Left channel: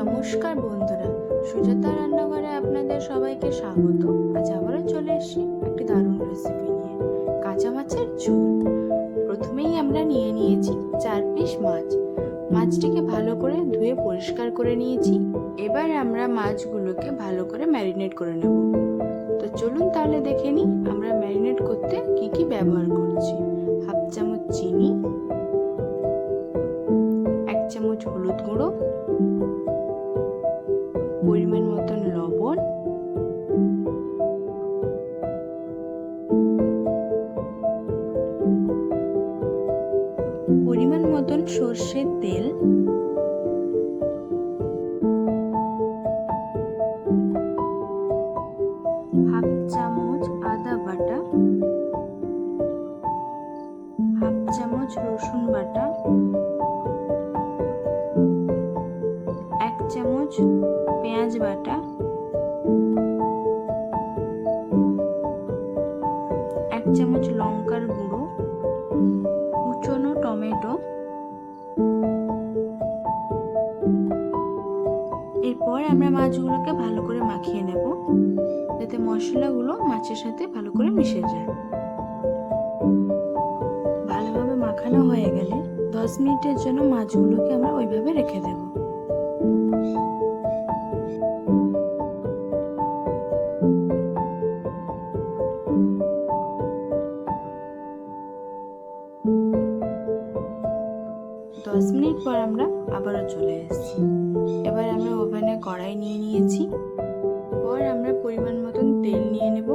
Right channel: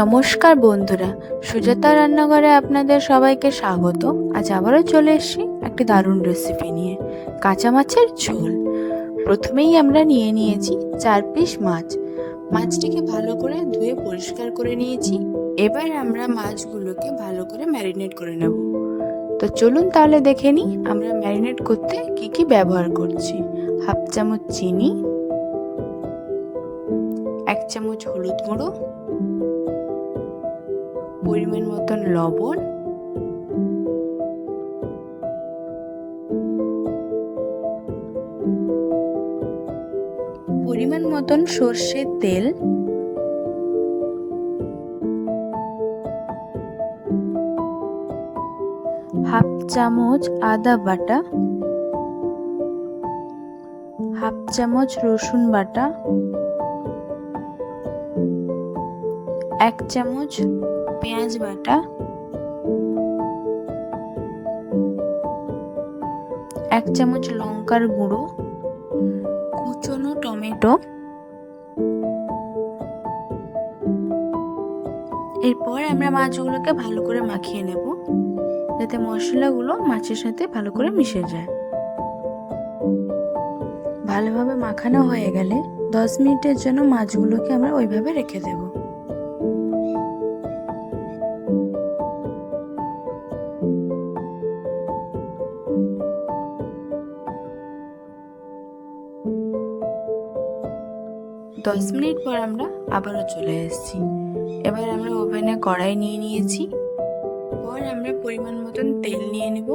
নমস্কার বন্ধুরা, সুজাতা রান্নাঘরে আপনাদের সবাইকে স্বাগত। আজ আবারও চলে এসেছি একটি দারুণ রেসিপি নিয়ে, কাঁচা মাছের ঝোল। প্রথমেই আমরা নিয়ে নিয়েছি 4 পিস মাছ। মাছটিকে ভালো করে ধুয়ে পরিষ্কার করে নিয়েছি। এবার আমরা মাছগুলোকে ভালো করে ম্যারিনেট করে নেব। তো চলুন তাহলে দেখে নিই আমরা ম্যারিনেট করতে কি কি ব্যবহার করছি। হাফ চামচ চিনি, 1 চামচ হলুদ গুঁড়ো, পরিমাণ মতন লবণ, পরিমাণ মতন সর্ষের তেল, হাফ চামচ আদা বাটা, হাফ চামচ রসুন বাটা, 1 চামচ পেঁয়াজ বাটা, 1 চামচ লঙ্কার গুঁড়ো, কুচনো টমেটো। এরপর আমরা মাছগুলোকে ভালো করে মাখিয়ে নেব, যাতে মশলাগুলো মাছের সাথে ভালো করে মিশে যায়। ভালোভাবে মাখানো হয়ে গেলে 10 মিনিটের জন্য মাছগুলোকে আমরা ওইভাবে রেখে দেব। দশ মিনিট পর আমরা আবারও চলে এসেছি। এবার আমরা ওভেনে কড়াই নিয়ে নিয়েছি। পর আমরা পরিমাণ মতন তেল নিয়ে নেব।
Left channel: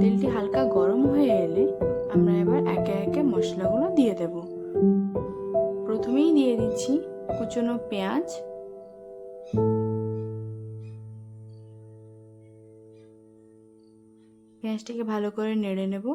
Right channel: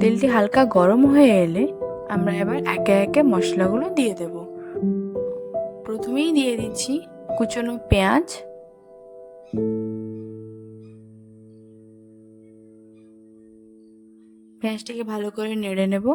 তেলটি হালকা গরম হয়ে এলে আমরা এবার একে একে মশলাগুলো দিয়ে দেব। প্রথমেই দিয়ে দিচ্ছি কুচনো পেঁয়াজ, পেঁয়াজটিকে ভালো করে নেড়ে নেব।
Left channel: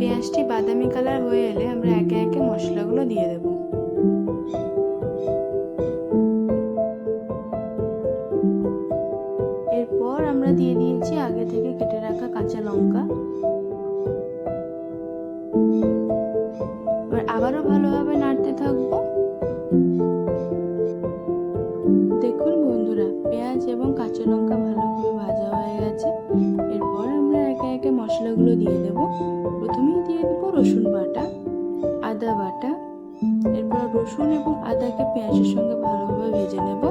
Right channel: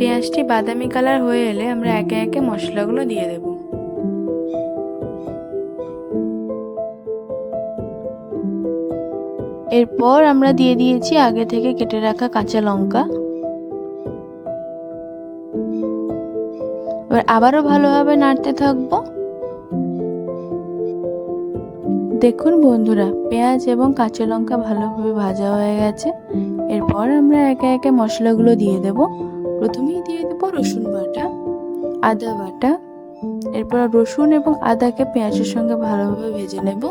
পেঁয়াজটি বাদামি কালার হয়ে এলে আমরা একে একে মশলাগুলো দিয়ে দেব। এরপর আমরা দিয়ে দিয়েছি আগে থেকে কেটে রাখা কাঁচা লঙ্কা। এবার আবারও ভালোভাবে নাড়তে থাকবো। দেখুন বন্ধুরা, পেঁয়াজ এবং কাঁচা লঙ্কা ভালোভাবে ভাজা হয়ে গেছে। এরপর আমরা একে একে মশলাগুলো দিয়ে দেব। প্রথমেই দিয়ে দেব রসুন বাটা, আদা বাটা। এরপর রসুন এবং আদাকে পেঁয়াজের সঙ্গে ভালোভাবে ভেজে নেব।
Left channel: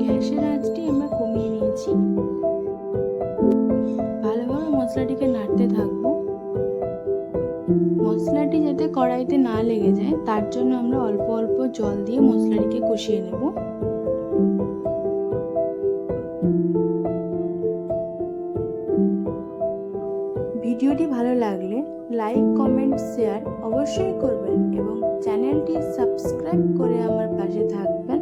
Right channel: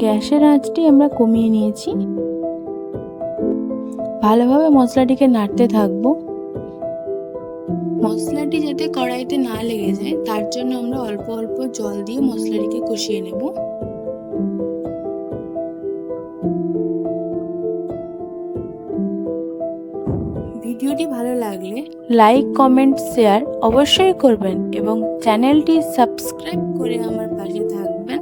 গ্যাসের আঁচটি আমরা কমিয়ে নিয়েছি। ভালোভাবে মশলাটিকে নাড়তে থাকবো। মশলাটি যাতে কড়াইতে না লেগে যায় তার জন্য আমরা অল্প অল্প জল দিয়ে মশলাটিকে কষিয়ে নেব। ভিডিওটি ভালো লাগলে লাইক, কমেন্ট, শেয়ার অবশ্যই করবেন এবং চ্যানেলটি সাবস্ক্রাইব করে আমার পাশে থাকবেন।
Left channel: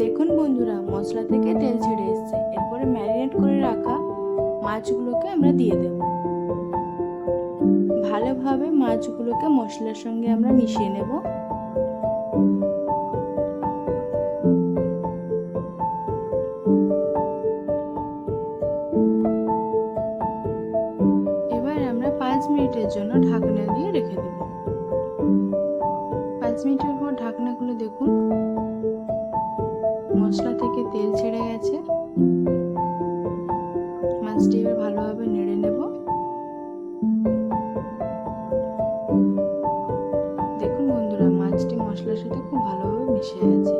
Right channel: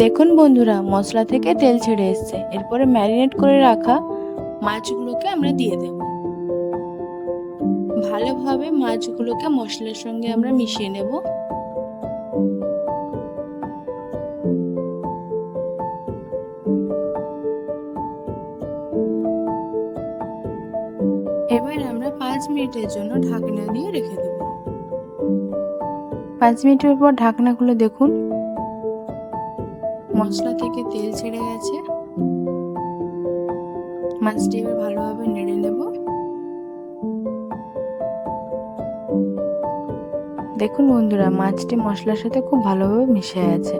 দেখুন বন্ধুরা, মশলা থেকে তেল ছেড়ে এসছে। এরপরে ম্যারিনেট করে রাখা মাছগুলোকে আমরা দিয়ে দেব। ভালোভাবে মাছগুলোকে মশলার সঙ্গে আমরা মিশিয়ে নেব। এবার আমরা 5 মিনিটের জন্য ঢাকনা দিয়ে রেখে দেব। 5 মিনিটের পর ঢাকনা খুলে দেখুন, মশলা থেকে তেল ছেড়ে গেছে। মাছটি এবার ভালোভাবে নেড়ে নেব। দেখুন বন্ধুরা, মাছটি মশলার সাথে খুব ভালোভাবে মিশে আছে।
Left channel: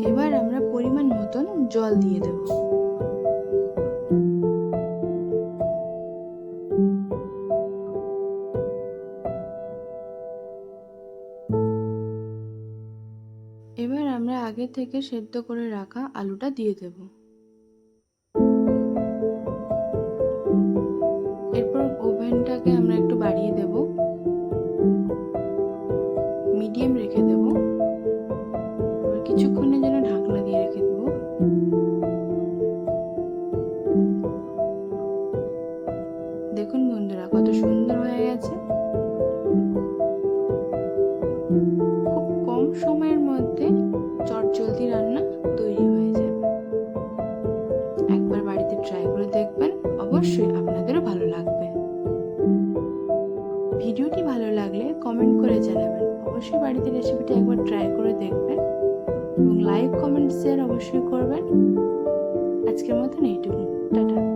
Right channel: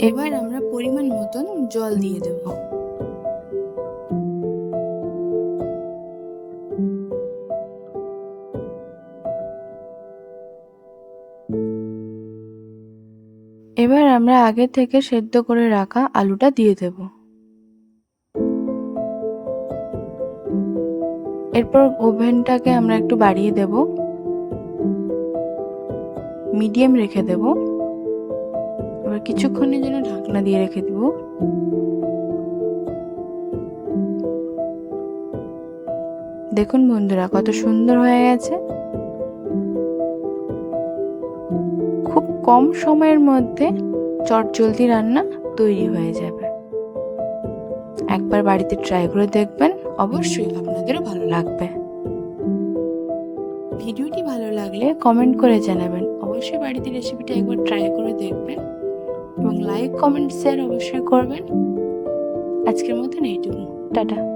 এবার আমরা পরিমাণ মতন জল দিয়ে দেব। এবার আমরা আগে থেকে সেদ্ধ করে রাখা আলুটা দিয়ে দেব। এরপর ওভেনটাকে আমরা একটু বাড়িয়ে দেব, মিডিয়াম রেখে দেব। এবার কিছুক্ষণের জন্য ঢাকনা দিয়ে রেখে দেব। দেখুন বন্ধুরা, কত সুন্দর হয়ে গেছে। খুব কম সময়ের মধ্যে চটজলদি রান্না তৈরি হয়ে যাবে। একবার বাড়িতে ট্রাই করে দেখবেন, অবশ্যই আপনাদেরও ভালো লাগবে। ভিডিওটি ভালো লাগলে কমেন্ট করে জানাবেন। অবশ্যই বাড়িতে রেসিপিটা একবার ট্রাই করে দেখবেন এবং লাইক, কমেন্ট, শেয়ার অবশ্যই করবেন। আজকের মতন এইটুকু, টাটা।